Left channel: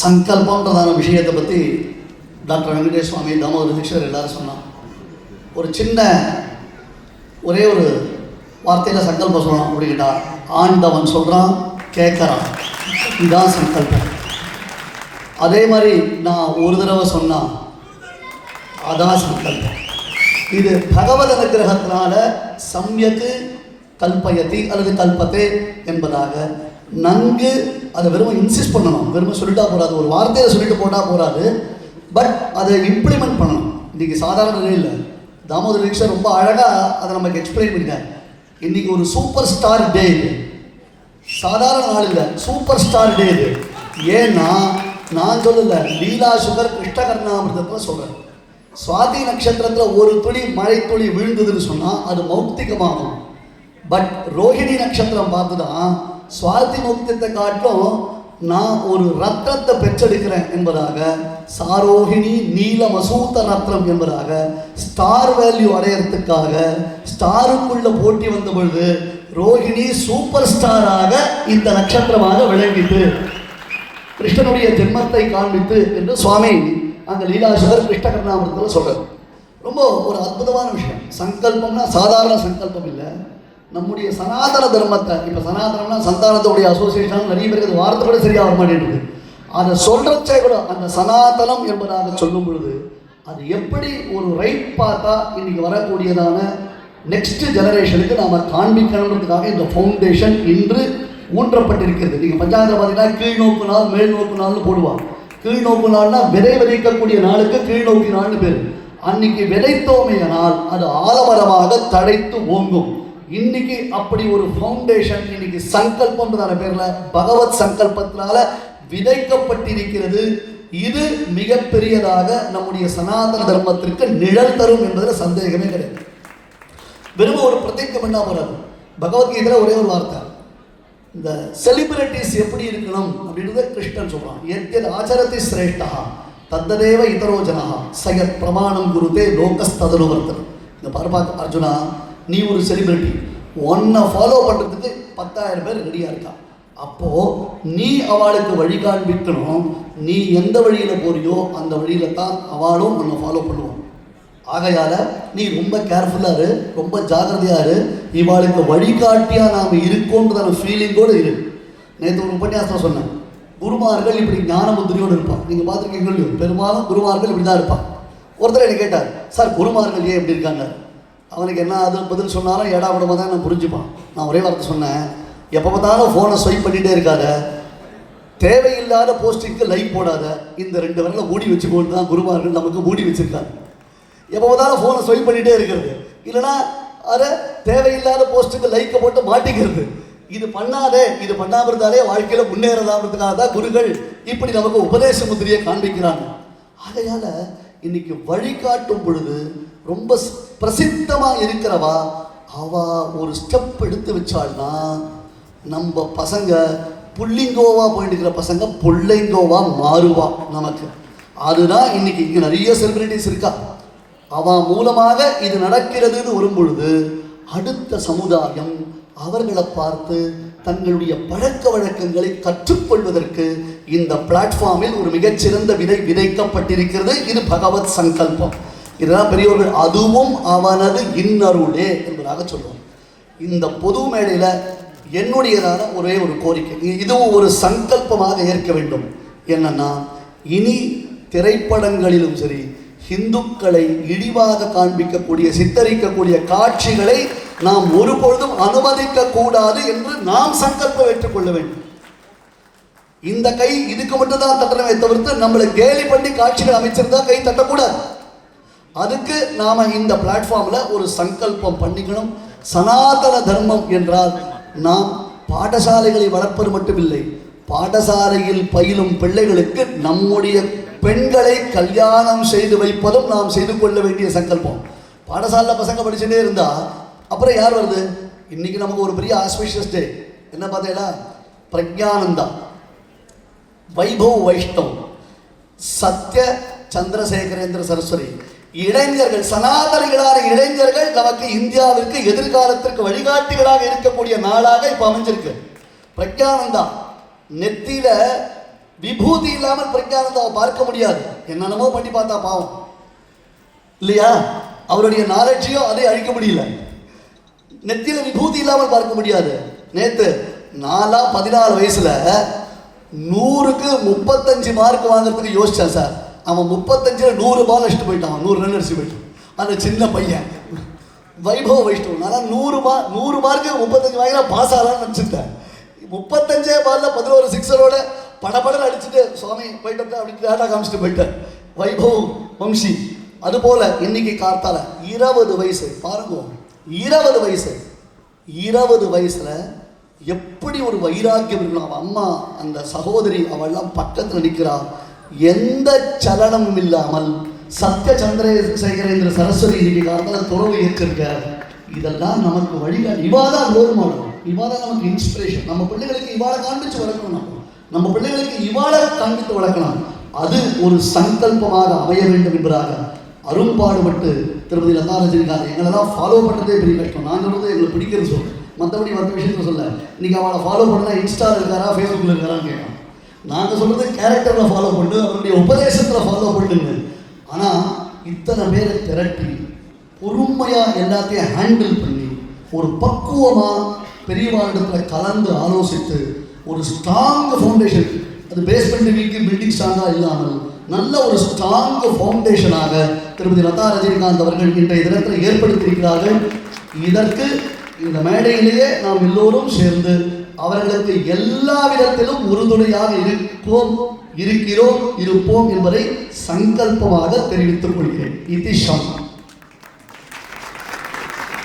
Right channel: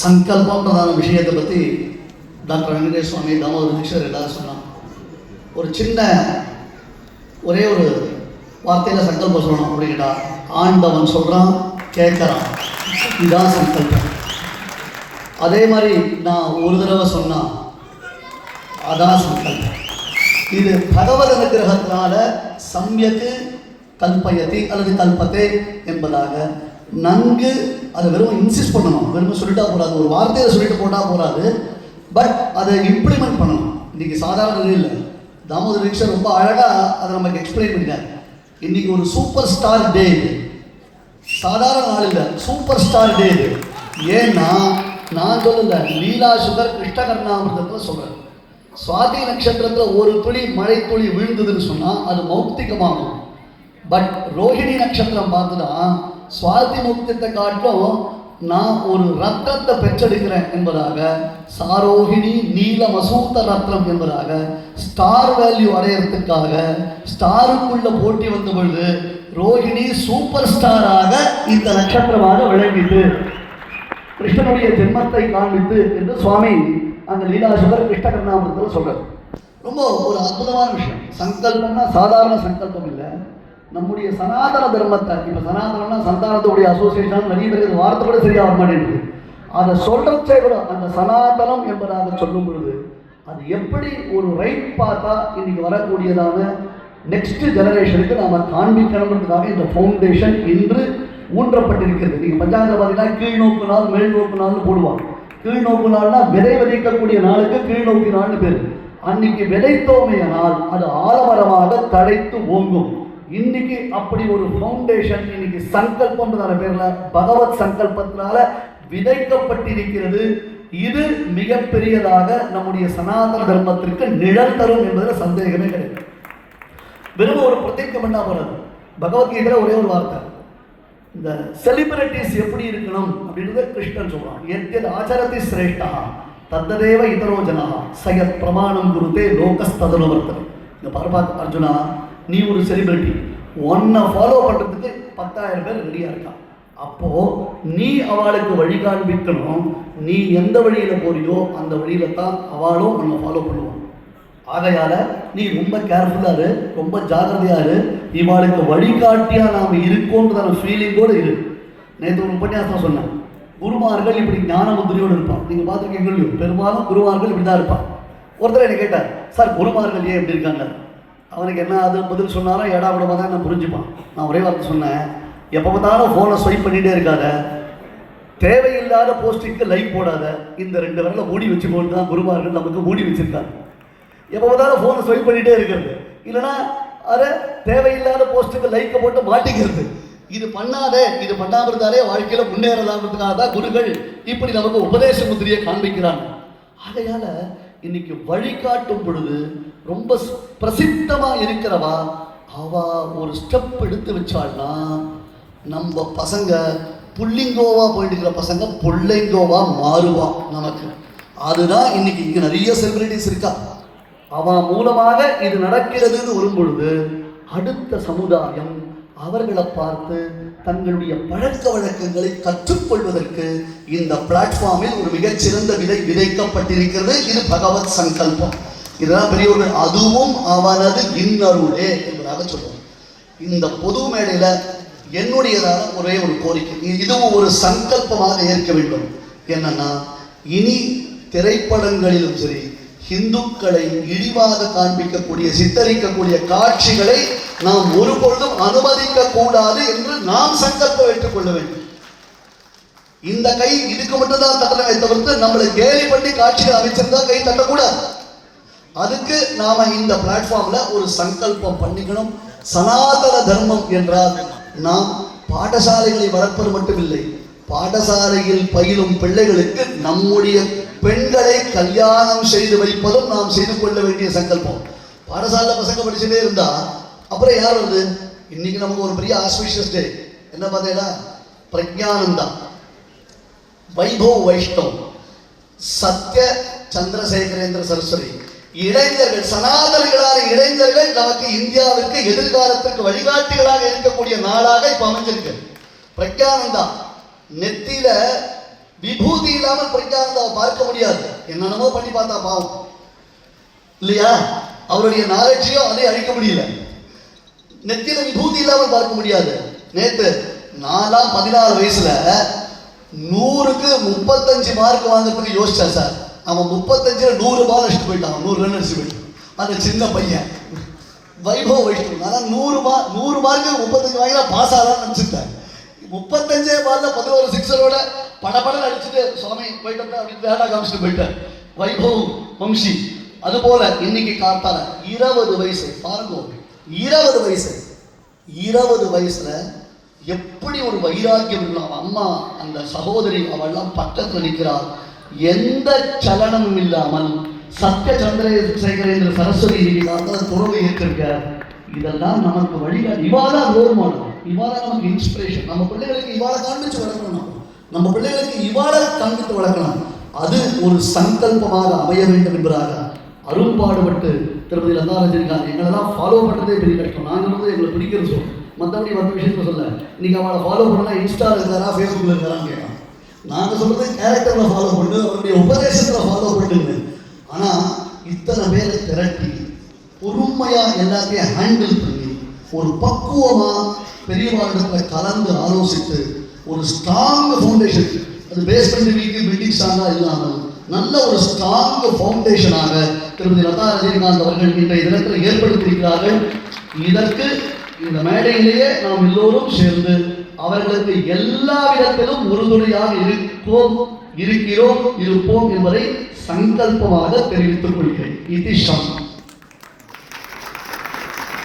சங்கல்பம்ன்றதான விஷயத்தை பற்றி டாக்டர் வெங்கடேஷ் சுவாமி, தாமோதர தீட்சிதர் எல்லாரும் சொன்னான். ஒரு சின்ன ஒரே ஒரு வார்த்தையில் சங்கல்பம் சொல்லணும் அப்படிங்கிட்டா, ஆண்டவன் சொல்கிறான் கேட்குறான், இதுதான் சங்கல்பம். அதே மாதிரி நான் ஒரு தடவை சொன்னான், அதான் சங்கல்பம். இது பகவத் அனுகிரகத்தினால சம்யக்கு கல்பயதி அல்லது கல்பத்தே என்பதாக நன்கு அதை வெறும் இன்சிஸ்ட் பண்ணணும். வெறும் சொல்லிட்டா போகாது, ஒரு வார்த்தையை சொல்லிட்டு போட்டால் போகாது, பட் அதை இம்ப்ளிமெண்ட் பண்ணணும். இன்றைக்கி சாதாரண நிலையில் தாமோதர தீட்சிதர் ரொம்ப அழகாக அதை நமக்கு எக்ஸ்பிளைன் பண்ணிட்டார். இன்றைக்கி ஒரு சூப்பர் ஸ்டார் டே இது, சாதாரண நாள் இல்லை, சூப்பர் ஸ்டார் டே இது. ஏன்னா நான் சொல்லல, லீலா சுகர் கிருஷ்ணகர்ணாமிரதத்தில் சொல்கிறேன். சுவாதி நட்சத்திரத்தில் ஒரு துளி மழை துளி விழுந்ததுன்னு சொன்னால் அது மௌக்திகமாகும். பட் ரோஹிணி நட்சத்திரம் பார்த்துதான் சுவாதி மௌக்தியத்தை காட்டிலும் நான் ஒரு ரத்னத்தை பெற்றெடுக்கிறேன் என்பதாக, சாரோஹிணி நீல மசூத்த ரத்னம் என்பதாக ஸ்டார் வேல்யூ அடையிறதுக்காக ஸ்டாருக்குள்ள போட்டி வந்த பொழுது ரோஹிணி சூப்பர் ஸ்டாராக இந்த நட்சத்திரமாக விளங்கிட்டு கிருஷ்ணனுடைய ஜென்மத்தை காண்பித்து என்று சுவாமி அந்த லீலாசுகர் கிருஷ்ணகர்ணாமிரதத்தில் சொல்றார். ரொம்ப ஒரு அற்புதமான விஷயம். சங்கல்பம்னா சாதாரண சங்கல்பம் இல்லை, நம்முடைய சனாதன தர்மத்தை, இப்போ சனாதனம்னா சந்தானத்துடைய அசோசியேஷன் நிறைய பேருக்கு வார்த்தை கூட சரியாக வர மாட்டேங்குது. அதை சொல்றச்சே கூட அந்த சனாதனம் என்பதாக சொல்லும் பொழுது அது எப்படி ஒரு ரைட் பார்த்தா இன்னைக்கு வரக்கூடியதான நெக்ஸ்ட் ஜெனரேஷனுக்கு நாம் காண்பிக்கணுன்றதுக்காக இந்த ஃபவுண்டேஷன் இன்று ஊன்றப்பட்டிருக்கிறது. நீங்கள் பஞ்சாயத்தில் பார்த்தீங்கன்னா கீழ் நோக்கு நாள் மேல் நோக்கு நாள்னு போடுவாங்க. கீழ் நோக்கு நாள்னா விதை விதைக்கக்கூடிய நாளுக்கு கீழ் நோக்கி நாள்னு பேர். அன்னைக்கு விதைத்தோமைய நாள் அது ஆலமரமாக தழைத்து ஓங்கும். இன்னைக்கு அப்படி ஒரு ஃபவுண்டேஷன் இன்னைக்கு சங்கல்பம்ன்றதான பேர்ல பகவத் சங்கல்பத்தினால விதைக்கப்பட்டிருக்கிறது. இது மிகப்பெரியதாக நம்முடைய சனாதன தர்மத்திற்கு நிழல் தரும் என்பதில் சந்தேகமே கிடையாது. வெறும் ஒரு பிரத்யேகம் பண்ணா போறாரு. பகவத்கீதையில ஒரே ஒரு வார்த்தை, இந்த செலிபிரிட்டிஸ் எப்படி இருக்கணும் அப்படின்றத கிருஷ்ணன் சொல்றான். எத்யத் ஆச்சரதி சிரேஷ்டா தத்ததேவ இதரோ ஜனா சயத் பிரமாணம் குருதே லோகஸ்ததனுவர்த்தனை. இந்த பார்ப்பா அர்ஜுனா, நீ ஒரு செலிபிரிட்டி, உன்னை ஃபாலோ பண்ணுறதுக்கு 10,000 பேர் ரெடியாக இருக்கான். அப்போது நீ அவளுக்கு வழி காண்பிக்கணும். நீ எந்த வழியில் போறியோ அந்த வழியில் தான் அவளும் உன்னை ஃபாலோ பண்ணுவான். ஆகையால் நீ ரொம்ப கேர்ஃபுல்லாக இரு, ரொம்ப ஜாகிரதையாக இரு. இவாளுக்கு வழிகாட்டியாக நாம் இருக்கோன்றதான ஃபீலிங்கோடு இரு. நேற்று ஒரு உபன்யாசம் சொன்னேன், குருமார்கள் இப்படி ஞான முத்திரையோடு இருப்பான். நீங்கள் பார்த்துருக்கீங்களோ, பெரும்பாலும் குருமார்கள் இப்படி தான் இருப்பான். ஒருத்தர் என்ன கேட்டார், சார் குருமார்கள் ஏன் இப்படி இருக்காங்க? அவனுக்கு என்ன அது பதில் சொன்னாலும் ஏடாவிடமாக தான் நான் புரிஞ்சுப்பான். நான் ஒரே வார்த்தை சொன்னேன், எப்போ பார்த்தாலும் ஃபோனை ஸ்வைப் பண்ணிகிட்டே இருக்காத, தேவையில்லாத போஸ்டிங்க்கு லைக் போடாத, இந்த 2 வரல மூடி வச்சுக்கோன்னு தான் குருமார்கள் நமக்கு மூடி வச்சுருக்காங்க. எப்போ பார்த்தாலும் ஃபோனை ஸ்வைப் பண்ணிகிட்டே இருக்கிறது, இல்லைனா அதை தேவையில்லாத போஸ்ட்டுக்கு லைக்கை போட்டு மாட்டிக்கிறது. இது பண்ணாதே, இது பண்ணாமல் இருந்தாலே வாழ்க்கையில் முன்னேறலாம்ன்றதுக்காக தான் குருகள் இப்படி நமக்கு உபதேச முத்திரையை காண்பிக்கிறாங்க. ஆகையால் இன்னைக்கு வழிகாட்டும் பொழுது ரொம்ப பிரசித்தமாக இருக்கிறவா அவ ஒரு ஸ்டெப் எடுத்து வச்சாள்னா நம்ம பசங்க புள்ளிங்கோவா போயிட்டு இருக்கிற பசங்க புள்ளைங்கோவா மாறுவா நமக்கு. அதுதான் இன்னைக்கு இங்கே நிறைய செலிபிரிட்டிஸ் இருக்கா. அவன் மூலமாக இது நடக்கிறதுன்னு வரும் பொழுது அடுத்த சமுதாயம் அவர்களை பார்த்து தங்களுடைய பழக்க வழக்கங்களை கற்றுக்கொள்வதற்கு இந்த பிளாட்ஃபார்மில் ஒரு மிகச்சிறந்த விதை விதைக்கப்பட்டிருக்கிறது. இது பகவத் சங்கல்பம். இதுதான் பெரியவர்கள் அதுவும் அவனது இன்னருளே என்பதாக சொல்லுவோம். இந்த பொது மேடையில் என்னுடையதான ஒரே ஒரு கோரிக்கை, இதுவும் ஒரு சங்கல்பமாக ஏற்க வேண்டும். என்னன்னா, இனி திரைப்படங்களிலும் சரி இந்துக்களை இழிவாக காண்பிக்கக்கூடிய சித்தரிக்கக்கூடிய காட்சிகளை நாம் ஒருபொழுதும் அனுமதிக்க கூடாது என்று நாம் சங்கல்பம் ஏற்றுக்கொள்ள வேண்டும். இந்த கை இதுக்கு மட்டும்தான் தட்டலமே தவிர்த்து நம்மளை கேலி பண்ணி காட்சிகள் அமைச்சிருந்தா கை தட்டக்கூடாது. அதுக்கு நாம இந்த பிளாட்ஃபார்ம்ல ஒரு சங்கல்பம் பண்ணிக்கணும். சனாதன தர்மம் என்றால் நாம் பாடசாலைகளை வளர்ப்பது மட்டுமில்லை, பாடசாலையில் பயிலும் பிள்ளைகளுக்கு நம்முடைய பெண்களை கல்யாணம் செய்து வைப்பதும் நாம் செய்து கொள்ள வேண்டிய சங்கல்பம். பாடசாலை பசங்க படிச்சுட்டே இருந்தா அப்புறம் யார் வருது? இன்னைக்கு நமக்கு ஒரு பெரிய ஆஸ்பிஷியஸ் டே என்ன பார்த்தீங்கன்னா, பிரக்ஞானந்தா, வைபவ் வைஷ்ணவ், சத்ய சந்திரசேகரேந்திர சரஸ்வதி இளைஞர்கள், சனாதனிகளான இளைஞர்கள் நமக்கு இந்தியாவிற்கு எதிர்காலத்திற்கு வழிகாட்டிகளாக இருக்கக்கூடிய நாளாக இப்ப அமைஞ்சிருக்கு. பிரக்ஞானந்தா நெத்தியில விபூதி இல்லாமல் பிரக்ஞானந்தாவை பார்க்க முடியாது. என்னென்னமோ பண்ணி பார்த்தா பாவம் இல்லையா? அவருடைய நாலேஜையோ அதை அழிக்க முடியல. நெத்தியில விபூதி இல்லாமல் பார்க்க முடியாது. நேத்து 14 வயசுல 100க்கு 35 மார்க் வாங்குறதுக்கு யோசிச்சா சார். அவன் 35ல 100 பால் அடிச்சுட்டு போயிட்டான், 100 ரன் அடிச்சு போயிட்டான். அந்த சின்ன பையன் வைபவ வைஷ்ணவ். நான் 100 மார்க்கு 35 வாங்கினா பாஸ் ஆகலாம்னு நினச்சிட்டேன். 35 பால்ல 11 சிக்ஸரோட படபடம் அடிச்சுட்டு சுவாமி போயிட்டு அப்படின்னு வேலை காமிச்சிட்டு போயிட்டேன் வைபவ் வம்சி. அதுபோல இன்னைக்கு காத்தால 20 வயசு பாருங்க, 20 வயசுல எப்படி ஒரு வைராக்கியம் இருக்கலாம். அம்மா அந்த சகோதரி அவெல்லாம் பக்கத்தில் நிற்கிறார், எந்த சலனமும் இல்லாமல். சத்ய சந்திரசேகரேந்திர சரஸ்வதி இன்னைக்கு பொருளை ஏற்றிருக்கிறார். இதெல்லாம் நமக்கு வழிகாட்டு. இவாதான் ரோல் மாடல், இவாதான் நமக்கு இன்ஸ்பிரேஷன். நம்ம பிள்ளைகளுக்கு இவாளை காண்பிச்சு வளர்க்கணும், நம்ம பிள்ளைகளுக்கு இவாளை காண்பித்து வளர்க்கலாம். அது ஒரு சங்கல்பமாக அமைய வேண்டும் என்பதாக அருள்பாடுபட்டு திருமதி லதா ரஜினிகாந்த் எங்களெல்லாம் ஃபாலோ பண்ணுறதே பெரிய கஷ்டம். நாங்கள் எங்களை பிடிக்கிறது சொல்லுவோம், மற்றபடி மற்ற விஷயத்த சொல்ல. இன்னைக்கு அவளை ஃபாலோ பண்ணால் இன்ஸ்டாவில் இருக்காரா ஃபேஸ்புக்கில் இருக்காரான்னு கேட்கலாம். நாங்கள் சொல்கிறது கேரக்டரில் ஃபாலோ பண்ணு, அவருடைய உபதேசத்தில் ஃபாலோ பண்ணுங்க. ஆனால் இத்தனை பேரை திரட்டி பொறுமையாக எல்லாத்தையும் ஹேண்டில் பண்ணி ஒரு பக்குவமாக பெரியவாரிடத்தில் கலந்து ஆலோசித்து ஒரு ஸ்ட்ராங் ஃபவுண்டேஷன், அது பேஸ்மெண்ட் வீக்கு பில்டிங் ஸ்ட்ராங்காக இல்லாமல் நல்ல ஒரு ஸ்ட்ராங் ஃபவுண்டேஷனாக திருமதி லதா ரஜினிகாந்த் அவர்கள் இன்றைய தினத்தில் ஏற்படுத்தியிருக்கிறார்கள். இதற்கு இந்த மேடையிலேயே நாம் எல்லோரும் சேர்ந்து அவர்களுக்கு எல்லா விதத்திலும் உறுதுணையாக இருக்கிறோம், இருப்போம் என்பதை சங்கல்பமாக தெரிவித்துக் கொள்கிறேன். இதிஷம்.